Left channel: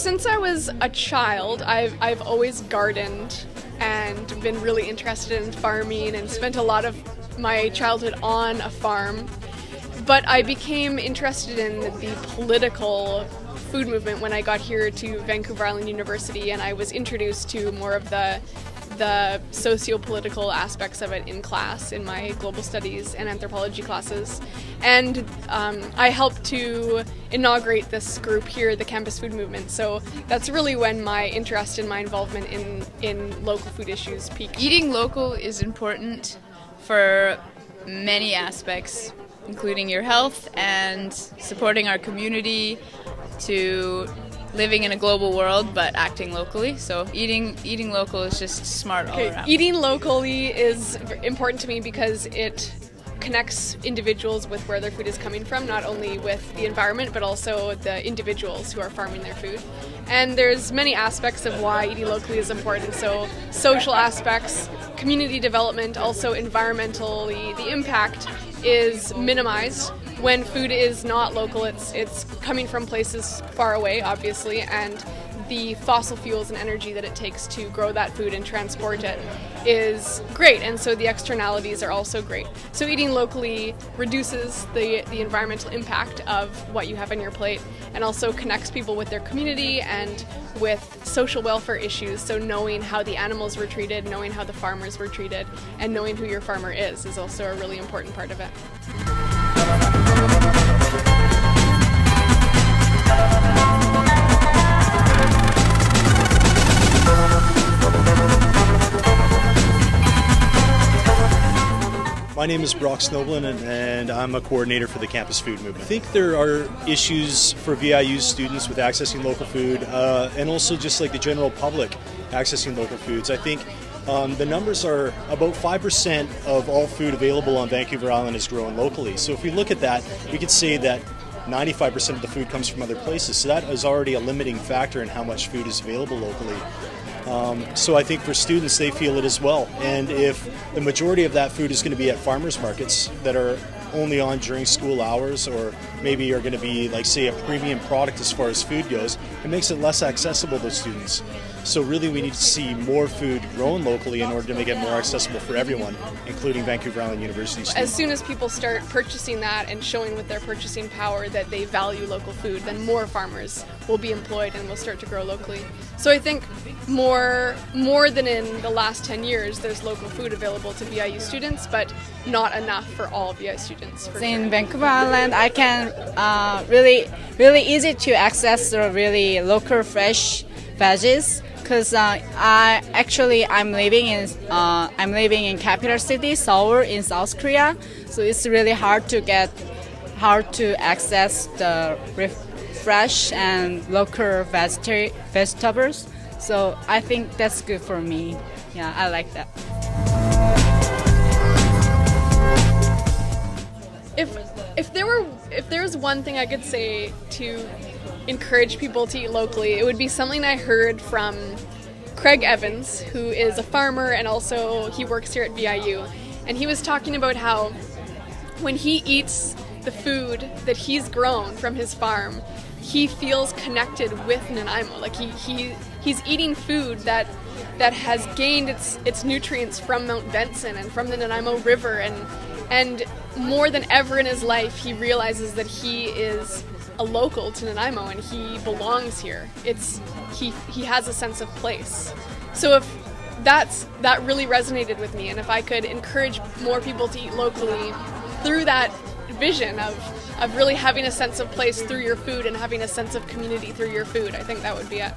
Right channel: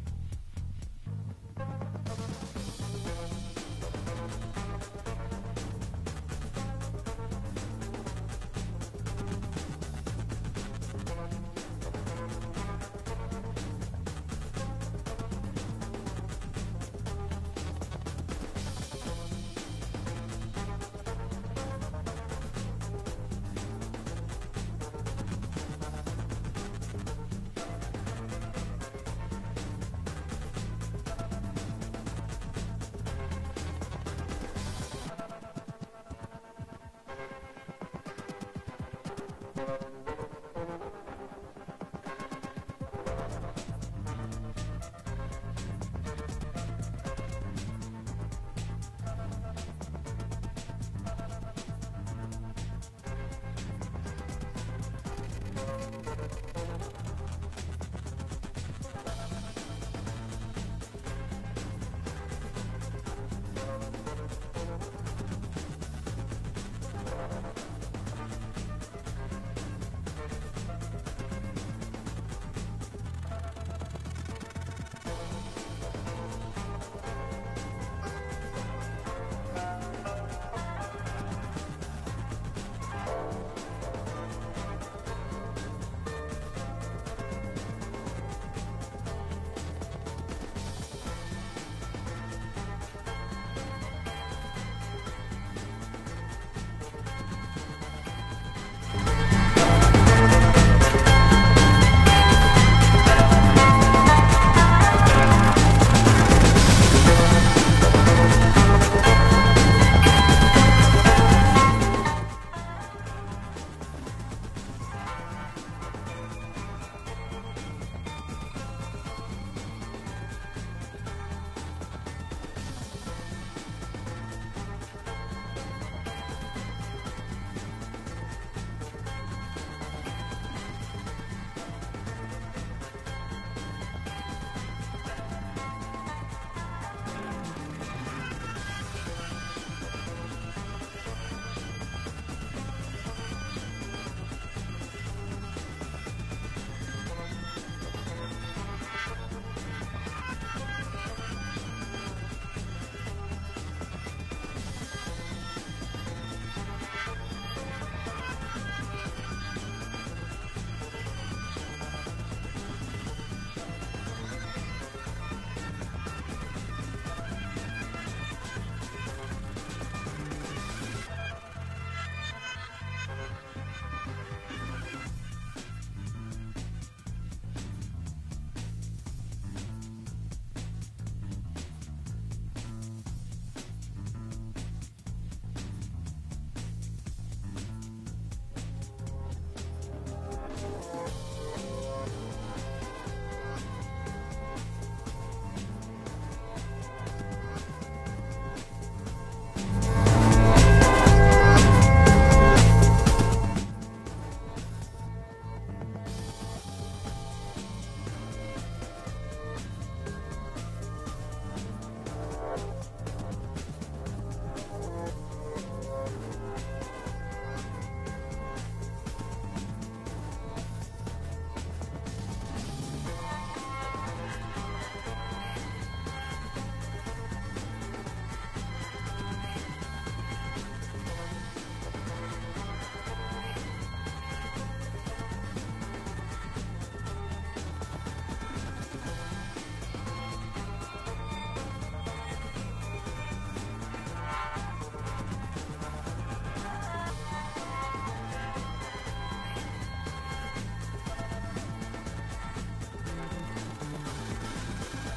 Since I was a child, I've always gardened and been really interested in farming and spent a lot of my childhood on a farm. But I became interested in the political food movement when I got here to Vancouver Island University, and I was introduced to more of the socio-political aspects of it in class, in my global studies and anthropology classes. And I helped to inaugurate this group here, the Campus Food Movement. So that's really when my interest and my involvement in local food issues peaked. Eating local is important for many aspects, including your health and supporting our community, to living in a global world but acting locally. So eating local is just smart all around. Eating locally is important to me because it connects individuals with where their food is coming from, not only with the environment but also the individuals who are farming their food. And there's many aspects of why eating locally is important. So social aspects, community development, also environmentally, the impact is minimized. When food is not local, it's coming from places far away, obviously, and the fossil fuels and energy that it takes to grow that food and transport it is great, and so the externalities are also great. So eating locally reduces the environmental impact of what you have on your plate, and also connects people with their community and with social welfare issues. So knowing how the animals were treated, knowing how the farmers were treated, and knowing who your farmer is also a really important part of it. My name is Brock Snoblin, and I'm a coordinator for the Campus Food Movement. I think there are issues for VIU students with accessing local food, and also just like the general public accessing local foods. I think the numbers are about 5% of all food available on Vancouver Island is grown locally. So if we look at that, we could say that 95% of the food comes from other places. So that is already a limiting factor in how much food is available locally. So I think for students, they feel it as well. And if the majority of that food is going to be at farmers markets that are only on during school hours, or maybe are going to be, like, say, a premium product as far as food goes, it makes it less accessible to students. So really we need to see more food grown locally in order to make it more accessible for everyone, including Vancouver Island University students. As soon as people start purchasing that and showing with their purchasing power that they value local food, then more farmers will be employed and will start to grow locally. So I think more than in the last 10 years, there's local food available to VIU students, but not enough for all VIU students. In Vancouver Island, I can really easy to access the really local fresh veggies, because I'm living in capital city Seoul in South Korea, so it's really hard to access the fresh and local vegetables. So I think that's good for me. Yeah, I like that. If there was one thing I could say to encourage people to eat locally, it would be something I heard from Craig Evans, who is a farmer and also he works here at VIU, and he was talking about how when he eats the food that he's grown from his farm, he feels connected with Nanaimo. Like he's eating food that has gained its nutrients from Mount Benson and from the Nanaimo River, and more than ever in his life he realizes that he is a local to Nanaimo and he belongs here. He has a sense of place. So if that really resonated with me, and if I could encourage more people to eat locally through that vision of really having a sense of place through your food and having a sense of community through your food, I think that would be it.